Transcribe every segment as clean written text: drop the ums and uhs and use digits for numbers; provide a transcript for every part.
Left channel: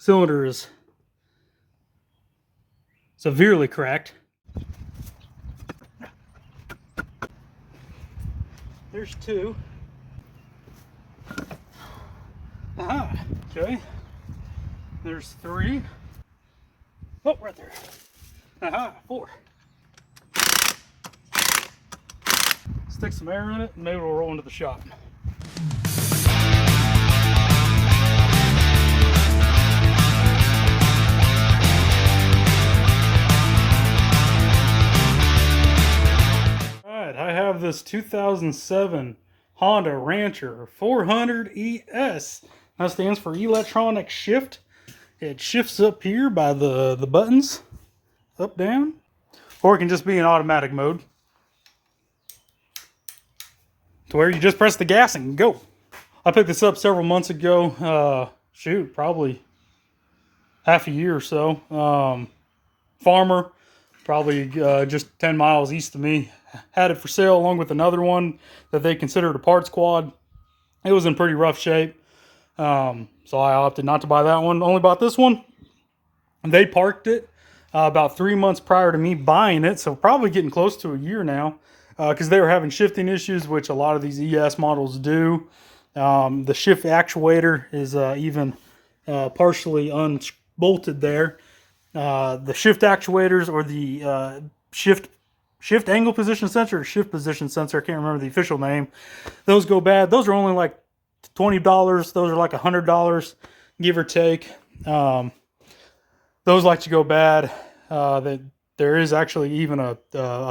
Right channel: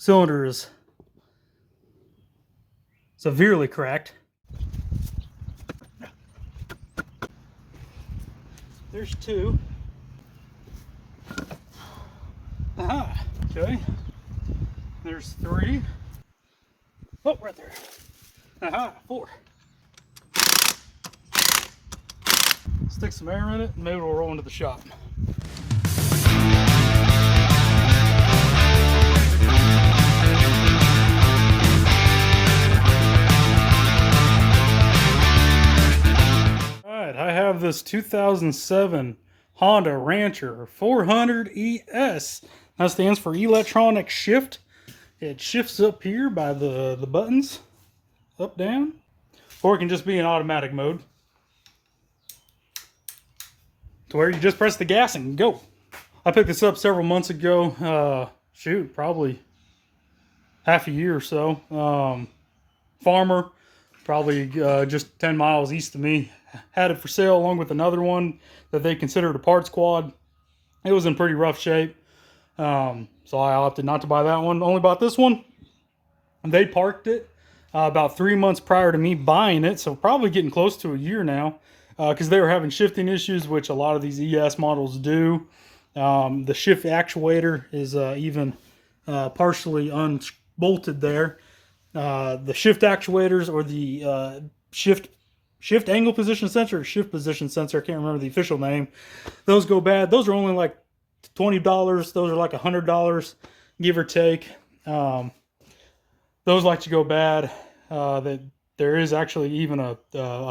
cylinder is severely cracked. There's two. Aha, okay. There's three. Oh, right there. Aha, four. Stick some air in it and maybe we'll roll into the shop. Alright, I have this 2007 Honda Rancher 400 ES. That stands for electronic shift. It shifts up here by the buttons, up, down, or it can just be in automatic mode, to where you just press the gas and go. I picked this up several months ago. Shoot, probably half a year or so. Farmer, probably just 10 miles east of me, had it for sale along with another one that they considered a parts quad. It was in pretty rough shape. So I opted not to buy that one. Only bought this one. They parked it about 3 months prior to me buying it. So probably getting close to a year now. Because they were having shifting issues, which a lot of these ES models do. The shift actuator is even partially unbolted there. The shift actuators, or the shift angle position sensor, or shift position sensor, I can't remember the official name. Those go bad. Those are only like $20. Those are like $100, give or take. Those like to go bad. There is actually even a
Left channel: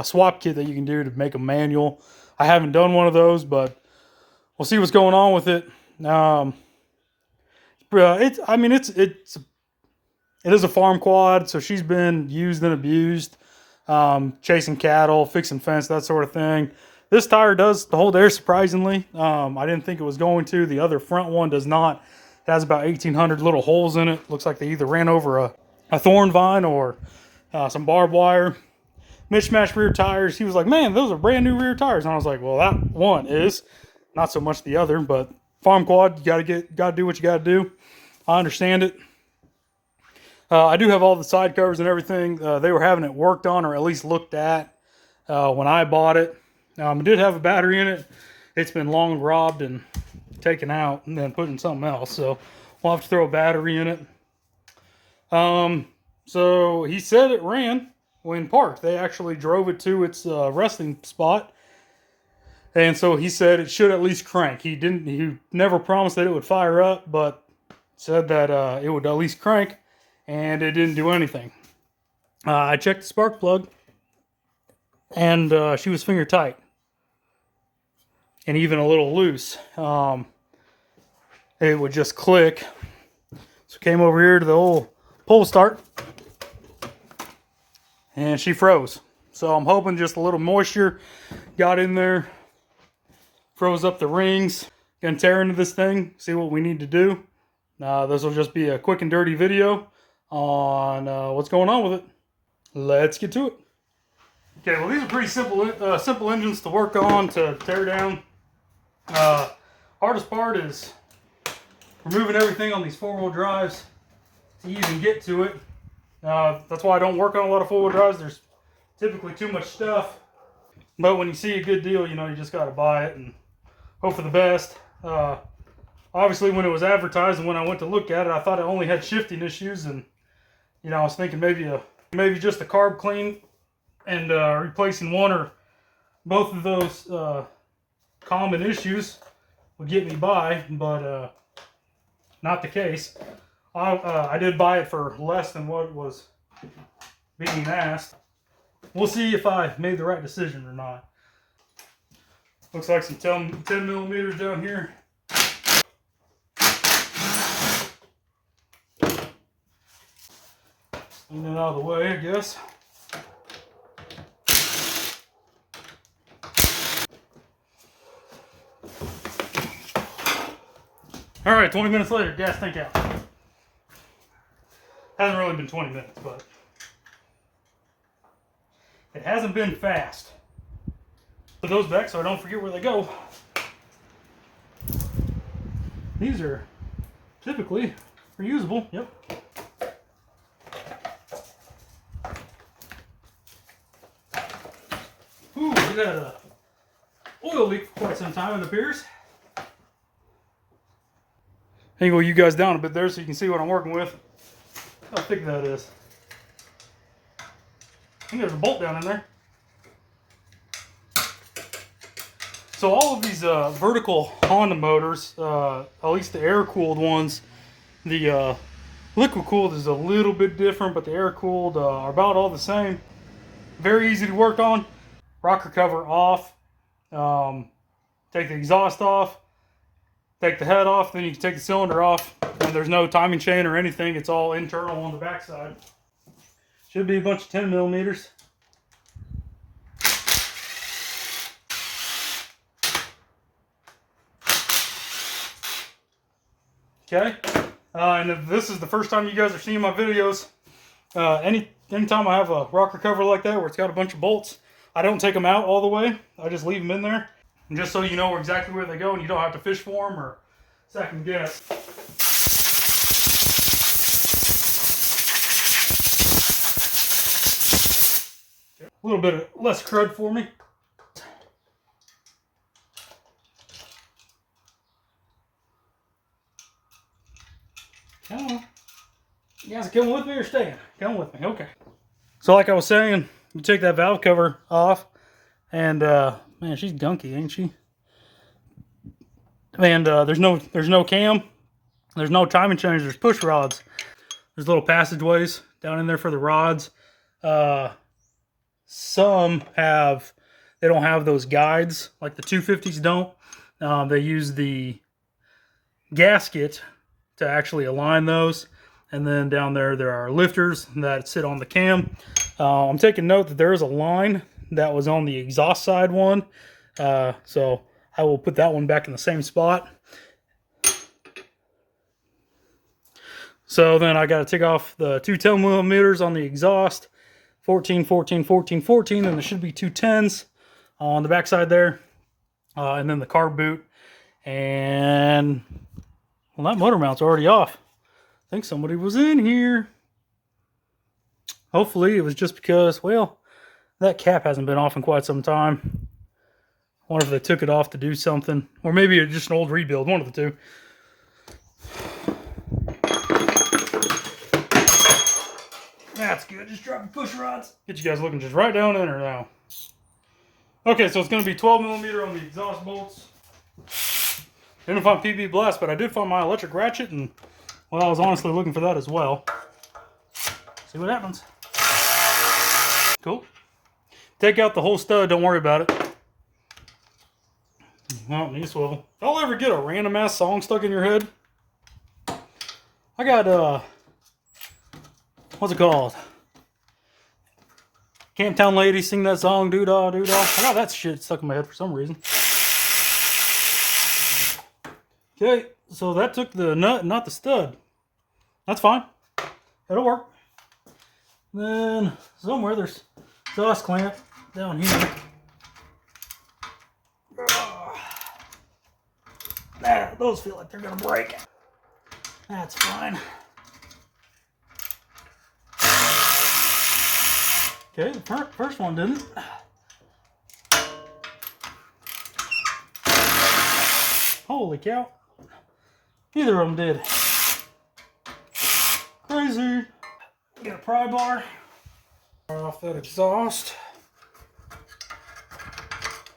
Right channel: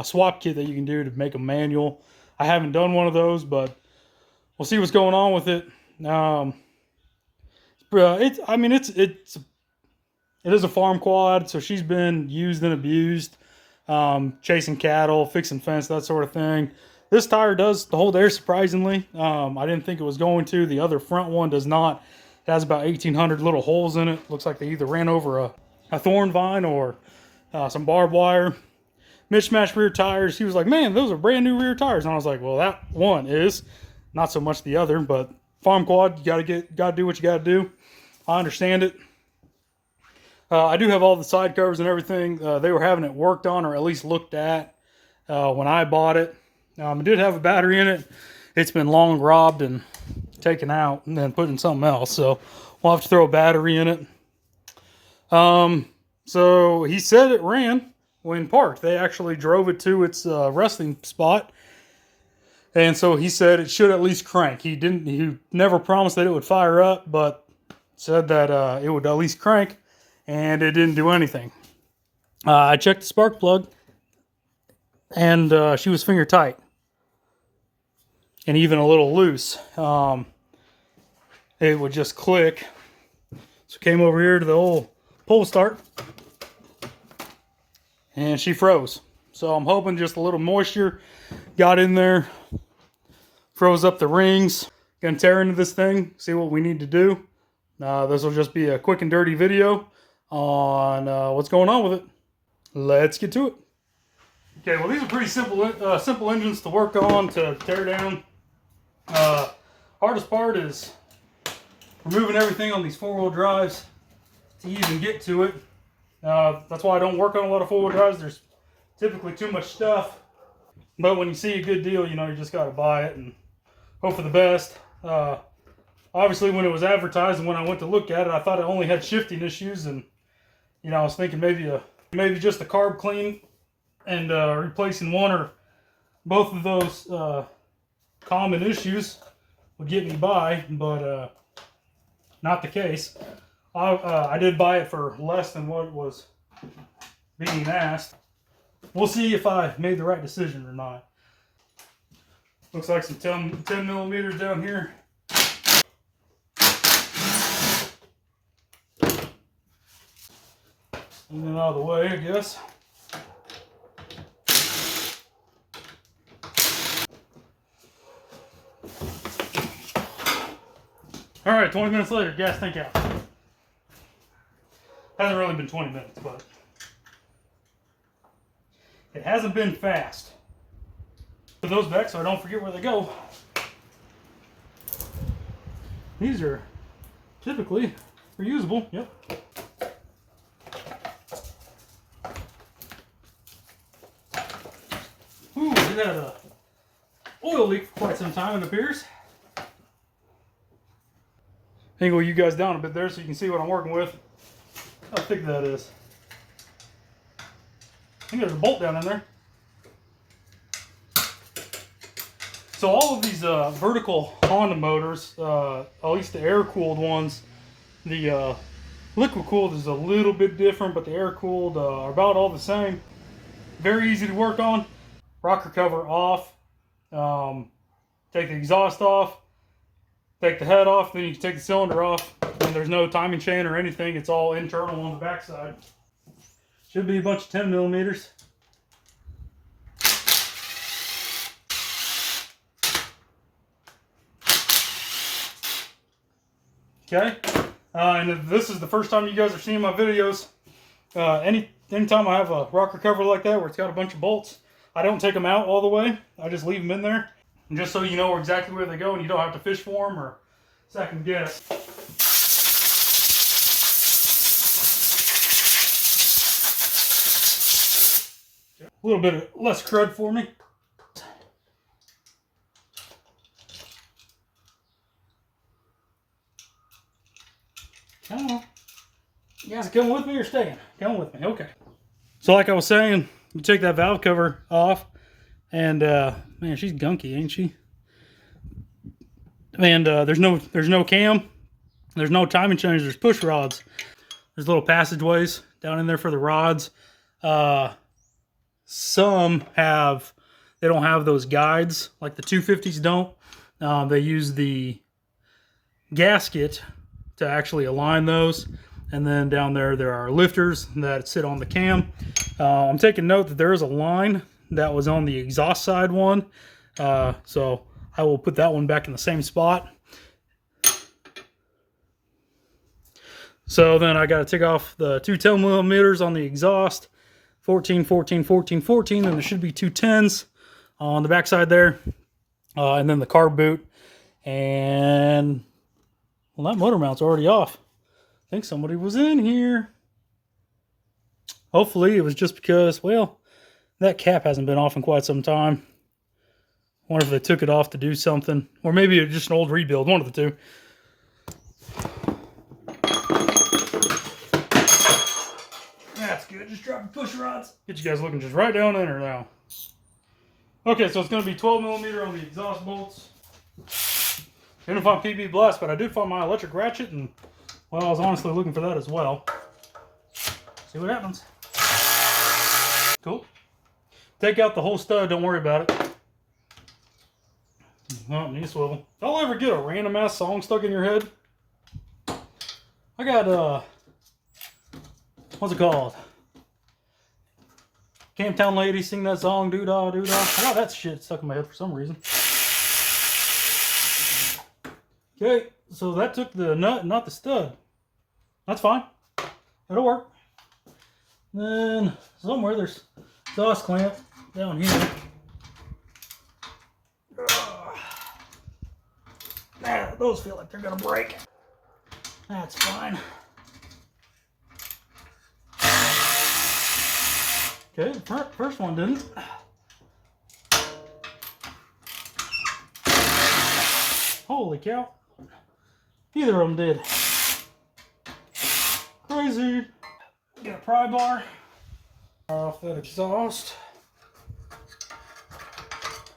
swap kit that you can do to make a manual. I haven't done one of those, but we'll see what's going on with it. It is a farm quad, so she's been used and abused, chasing cattle, fixing fence, that sort of thing. This tire does hold air, surprisingly. I didn't think it was going to. The other front one does not. It has about 1,800 little holes in it. Looks like they either ran over a thorn vine or some barbed wire. Mismatched rear tires. He was like, man, those are brand new rear tires. And I was like, well, that one is. Not so much the other, but farm quad, you gotta do what you gotta do. I understand it. I do have all the side covers and everything. They were having it worked on, or at least looked at, when I bought it. It did have a battery in it. It's been long robbed and taken out and then put in something else. So we'll have to throw a battery in it. So he said it ran when parked. They actually drove it to its resting spot. And so he said it should at least crank. He never promised that it would fire up, but said that it would at least crank, and it didn't do anything. I checked the spark plug, and she was finger tight. And even a little loose. It would just click. So came over here to the old pull start, and she froze. So I'm hoping just a little moisture got in there, froze up the rings. Gonna tear into this thing, see what we need to do. This will just be a quick and dirty video on what's going on with it. Let's get to it. Okay, well, these are pretty simple engines to work on, to tear down. Hardest part is removing everything on these four-wheel drives to even get to it. That's why I don't work on a lot of four-wheel drives. There's typically too much stuff. But when you see a good deal, you know, you just got to buy it and hope for the best. Obviously, when it was advertised and when I went to look at it, I thought it only had shifting issues, and you know, I was thinking maybe just a carb clean and replacing one or both of those common issues would get me by, but not the case. I did buy it for less than what was being asked. We'll see if I made the right decision or not. Looks like some 10 millimeters down here. In and out of the way, I guess. All right, 20 minutes later, gas tank out. Hasn't really been 20 minutes, but it hasn't been fast. Put those back so I don't forget where they go. These are typically reusable. Yep. Ooh, we had a oil leak for quite some time, it appears. Angle you guys down a bit there so you can see what I'm working with. How thick that is. I think there's a bolt down in there. So all of these vertical Honda motors, at least the air-cooled ones, the liquid-cooled is a little bit different, but the air-cooled are about all the same. Very easy to work on. Rocker cover off. Take the exhaust off. Take the head off, then you can take the cylinder off. And there's no timing chain or anything. It's all internal on the backside. Should be a bunch of 10 millimeters. Okay, and if this is the first time you guys are seeing my videos, anytime I have a rocker cover like that where it's got a bunch of bolts, I don't take them out all the way. I just leave them in there, and just so you know exactly where they go and you don't have to fish for them or second guess. A little bit less crud for me. Oh, you guys coming with me or staying? Come with me, okay. So like I was saying, you take that valve cover off, and man, she's gunky, ain't she? And there's no cam, there's no timing chains, there's push rods. There's little passageways down in there for the rods. Some have, they don't have those guides, like the 250s don't. They use the gasket to actually align those, and then down there are lifters that sit on the cam. I'm taking note that there is a line that was on the exhaust side one, so I will put that one back in the same spot. So then I got to take off the two 10 millimeters on the exhaust, 14, 14, 14, 14, and there should be two 10s on the backside there, and then the carb boot. And well, that motor mount's already off. I think somebody was in here. Hopefully it was just because, well, that cap hasn't been off in quite some time. I wonder if they took it off to do something. Or maybe it's just an old rebuild, one of the two. That's good, just dropping push rods. Get you guys looking just right down in there now. Okay, so it's going to be 12 millimeter on the exhaust bolts. Didn't find PB Blast, but I did find my electric ratchet, and well, I was honestly looking for that as well. See what happens. Cool. Take out the whole stud, don't worry about it. Oh, knee swivel. If y'all ever get a random ass song stuck in your head, I got what's it called? Camptown Lady sing that song, doo-dah, doo-dah. I got that shit stuck in my head for some reason. Okay, so that took the nut, not the stud. That's fine. It'll work. Then somewhere there's exhaust clamp down here. Those feel like they're gonna break. That's fine. Okay, the first one didn't. Holy cow. Neither of them did. Crazy. Get a pry bar. Off that exhaust.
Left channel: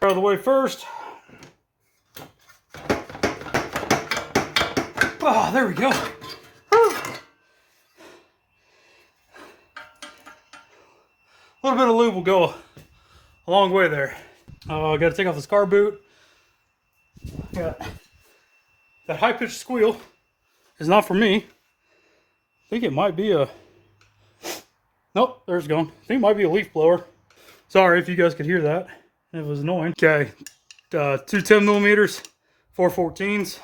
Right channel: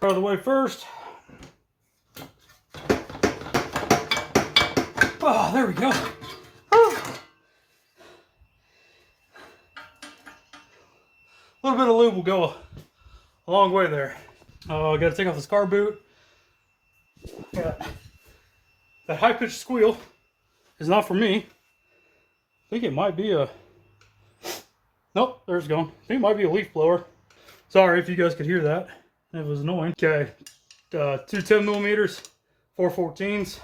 Out of the way first. Oh, there we go. Whew. A little bit of lube will go a long way there. I got to take off this car boot. Yeah. That high-pitched squeal is not for me. I think it might be a... Nope, there's gone. I think it might be a leaf blower. Sorry if you guys could hear that. It was annoying. Okay, two 10 millimeters, 4 14s.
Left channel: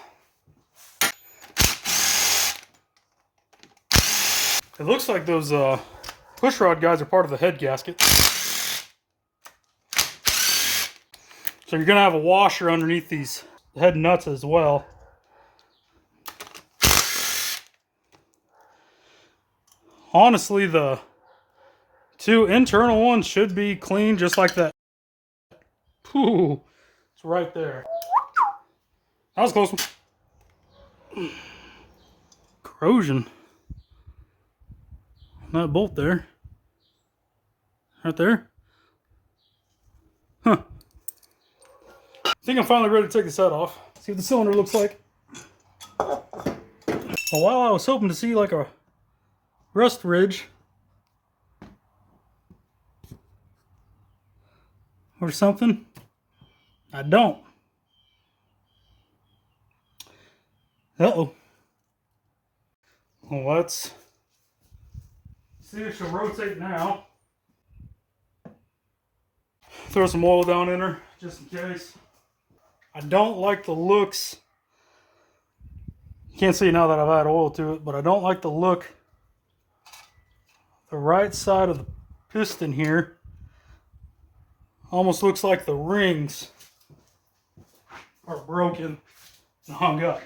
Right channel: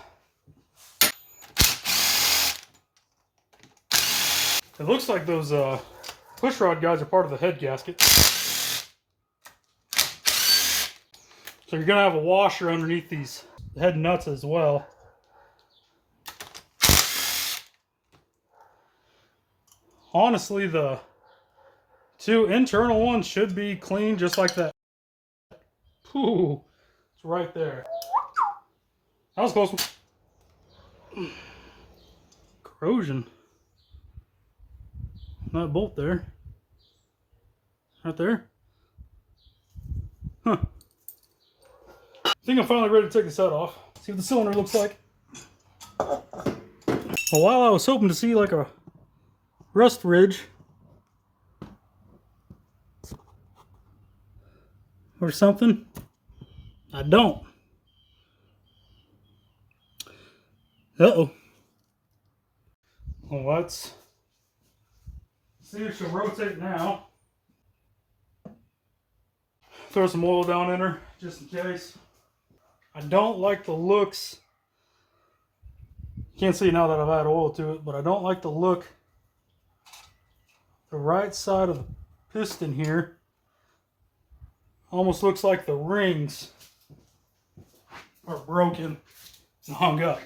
It looks like those push rod guys are part of the head gasket. So you're gonna have a washer underneath these head nuts as well. honestly, the two internal ones should be clean just like that. Ooh, it's right there. That was a close one. Corrosion. That bolt there. Right there. Huh. I think I'm finally ready to take this head off. See what the cylinder looks like. Well, while I was hoping to see like a rust ridge or something, I don't. Uh-oh. Well, let's see if she'll rotate now. Throw some oil down in her, just in case. I don't like the looks. You can't see now that I've added oil to it, but I don't like the look. The right side of the piston here almost looks like the rings are broken and hung up.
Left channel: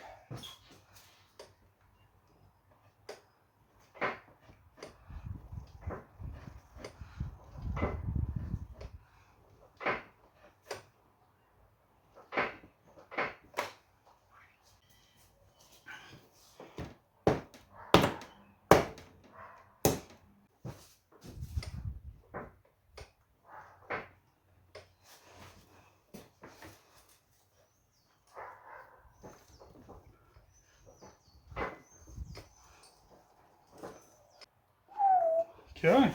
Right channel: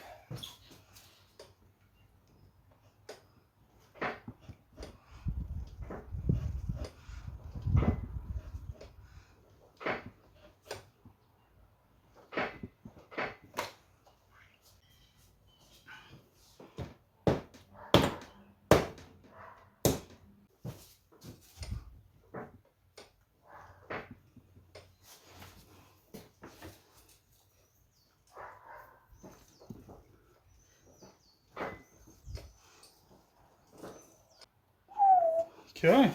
Okay.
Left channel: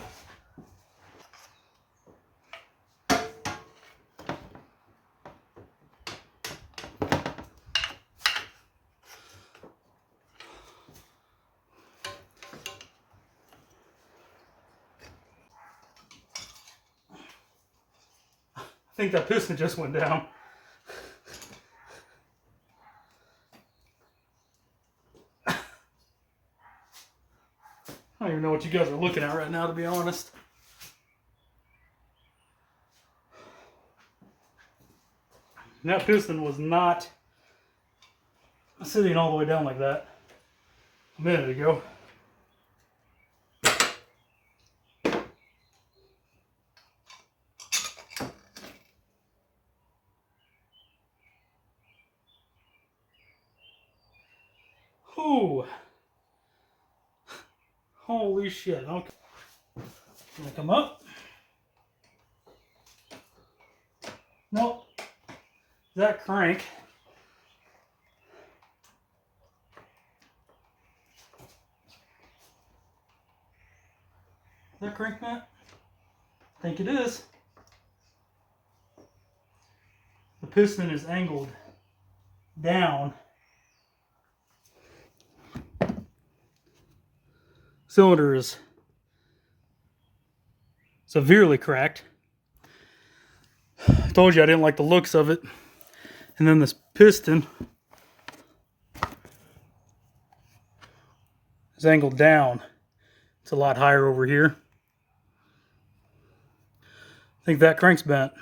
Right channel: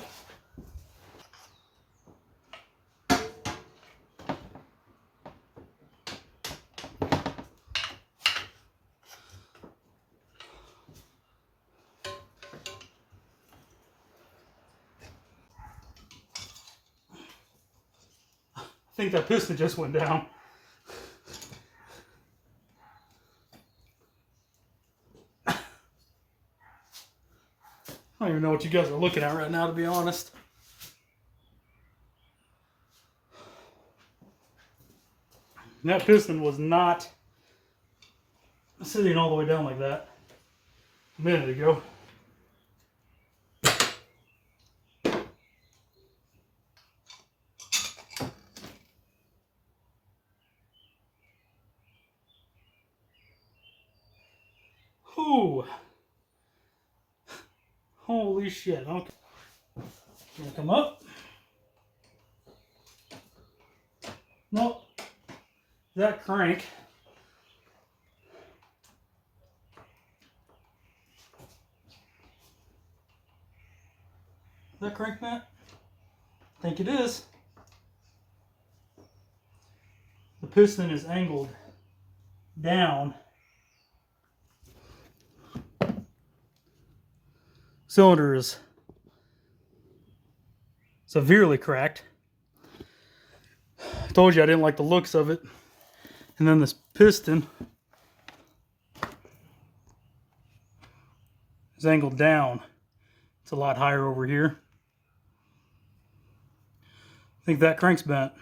I think that piston just went down. I don't even know what you guys are looking at right now, to be honest. And that piston was not sitting all the way down like that a minute ago. Ooh. Holy shit. Okay. Gonna come up. Nope. That crank. Is that crank, Matt? I think it is. The piston is angled down. Cylinder is severely cracked. I told you I didn't like the looks of it. And then this piston is angled down. It's a lot higher over here. I think that crank's bent.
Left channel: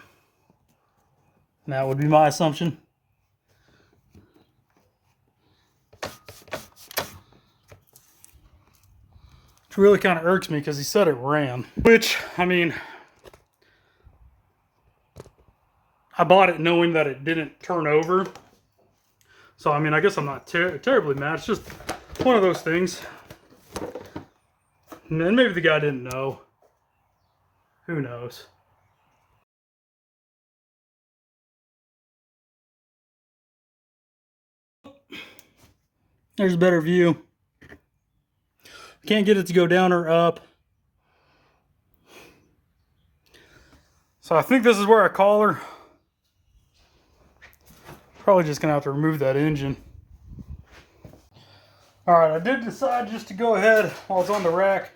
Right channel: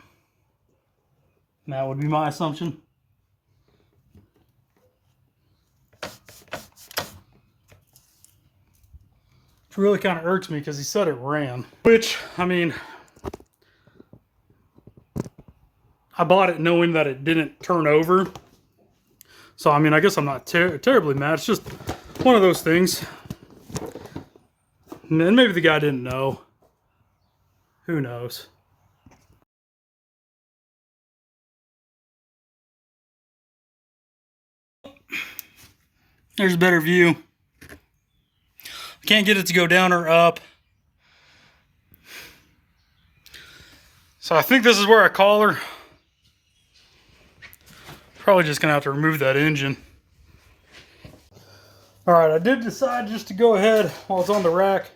And that would be my assumption. Which really kind of irks me because he said it ran. Which, I mean, I bought it knowing that it didn't turn over. So, I mean, I guess I'm not terribly mad. It's just one of those things. And then maybe the guy didn't know. Who knows? There's a better view. I can't get it to go down or up. So I think this is where I call her. Probably just gonna have to remove that engine. Alright, I did decide just to go ahead while it's on the rack.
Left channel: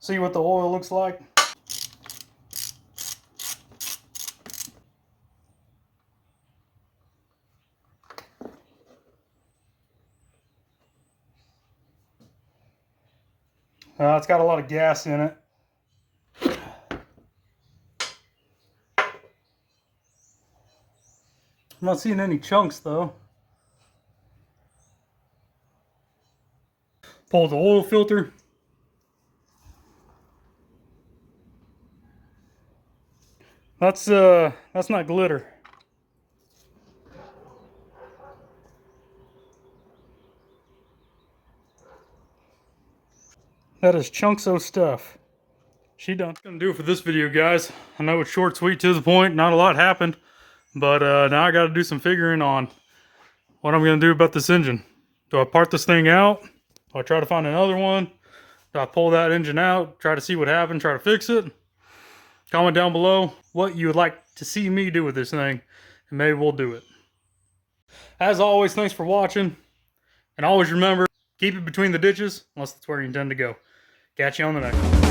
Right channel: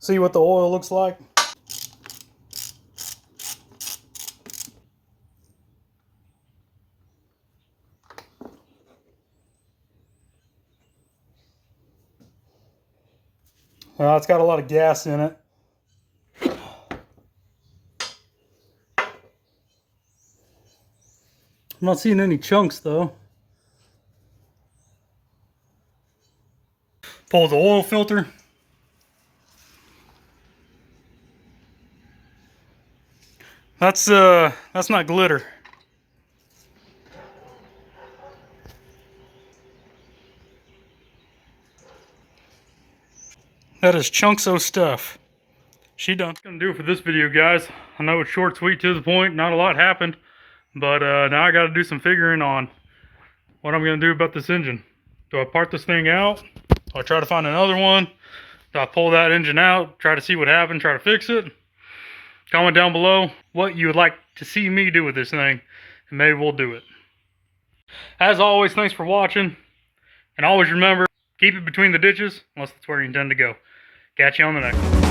See what the oil looks like. Well, it's got a lot of gas in it. I'm not seeing any chunks though. Pull the oil filter. That's not glitter. That is chunks of stuff. She done. That's gonna do it for this video, guys. I know it's short, sweet, to the point. Not a lot happened, but now I got to do some figuring on what I'm gonna do about this engine. Do I part this thing out? Do I try to find another one? Do I pull that engine out? Try to see what happened? Try to fix it? Comment down below what you would like to see me do with this thing, and maybe we'll do it. As always, thanks for watching, and always remember, keep it between the ditches, unless that's where you intend to go. Catch you on the next one.